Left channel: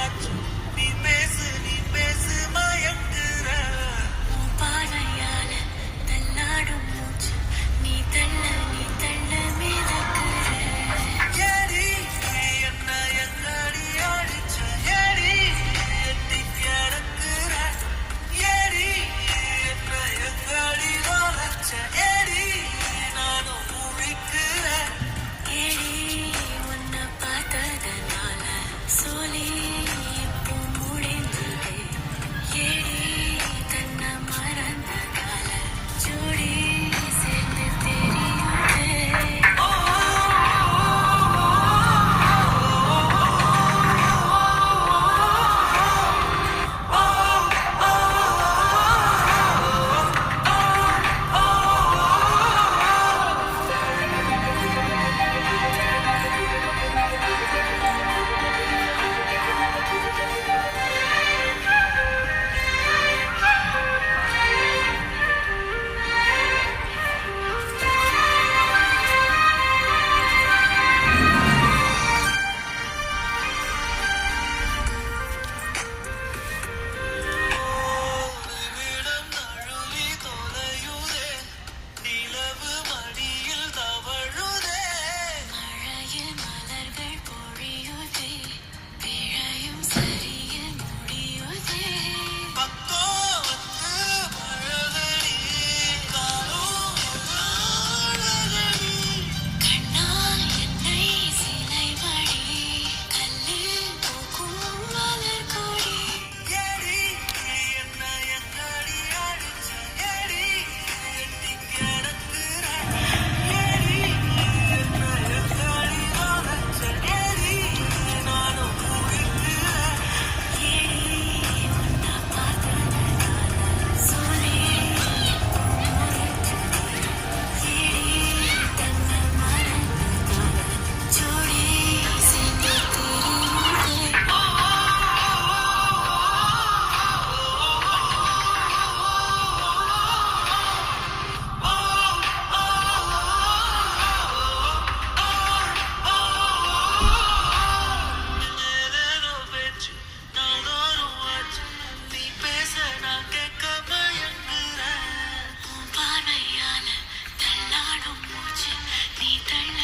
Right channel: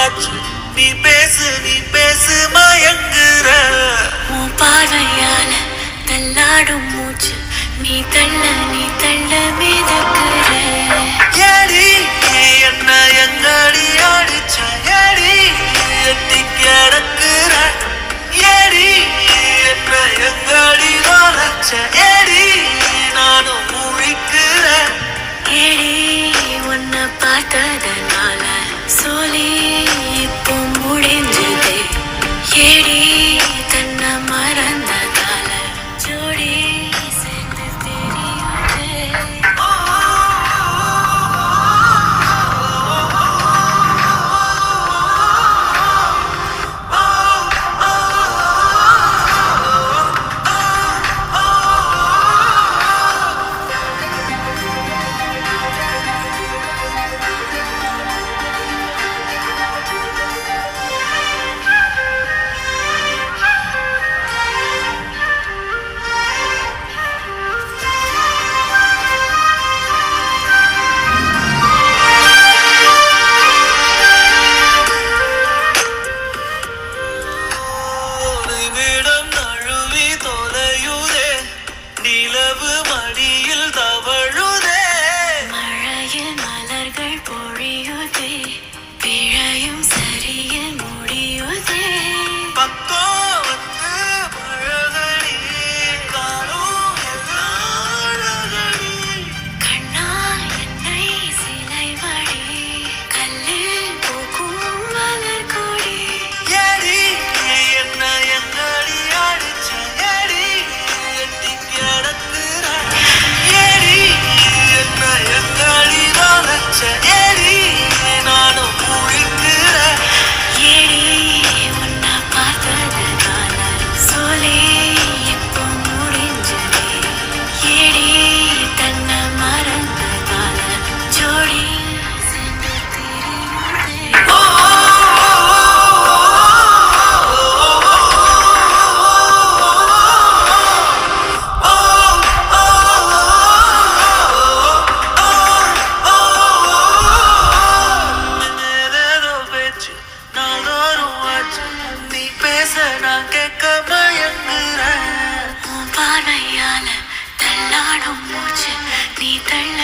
ஆச்சு. நீ பேசு மயங்குற. உன் பார்வையால தள்ளாடும் மூச்சு நீ தள்ள மிதக்குற. ஏடி என்ன எங்கடி அடிச்ச, ஏடி எட்டி கிடக்குற, ஏடி என்ன எங்கடி வளர்ச்ச, ஏடி நானும் முழிக்கிறேன். ஏடி உன்னை பார்த்ததனால சொல்லி இப்போ முடிஞ்சதே. ஏடி தன்னை மறந்ததால ஜோடி சேர்ந்து தெரியுது. நிமிடம் நழுவி தொலையுதே, நிலவு மடியில் தவழுதே. மழையில் மலர்கள் பொழியுதே, பிழையும் சரியில் முடியுதே. பக்கம் வந்து பழகடி, காணும் எல்லாம் அழகடி. கண்ணா என்னை சிலை வழி கல்லில் பூக்கும் மலர் கொடி. ஏடி என்ன எங்கடி அடிச்ச, ஏடி எட்டி கிடக்குற, ஏடி என்ன எங்கடி வளர்ச்ச, ஏடி நானும் முழிக்கிறேன். ஏடி உன்னை பார்த்ததனால சொல்லி இப்போ முடிஞ்சதே. ஏடி தன்னை மறந்ததால ஜோடி சேர்ந்து தெரியுதே. ஏதேதோ பேச்சு நாள்தோறும் ஆச்சு, நீ பேச நான் கேட்க மயங்குறேன். உன் பார்வையால தள்ளாடும் மூச்சு நீ தள்ள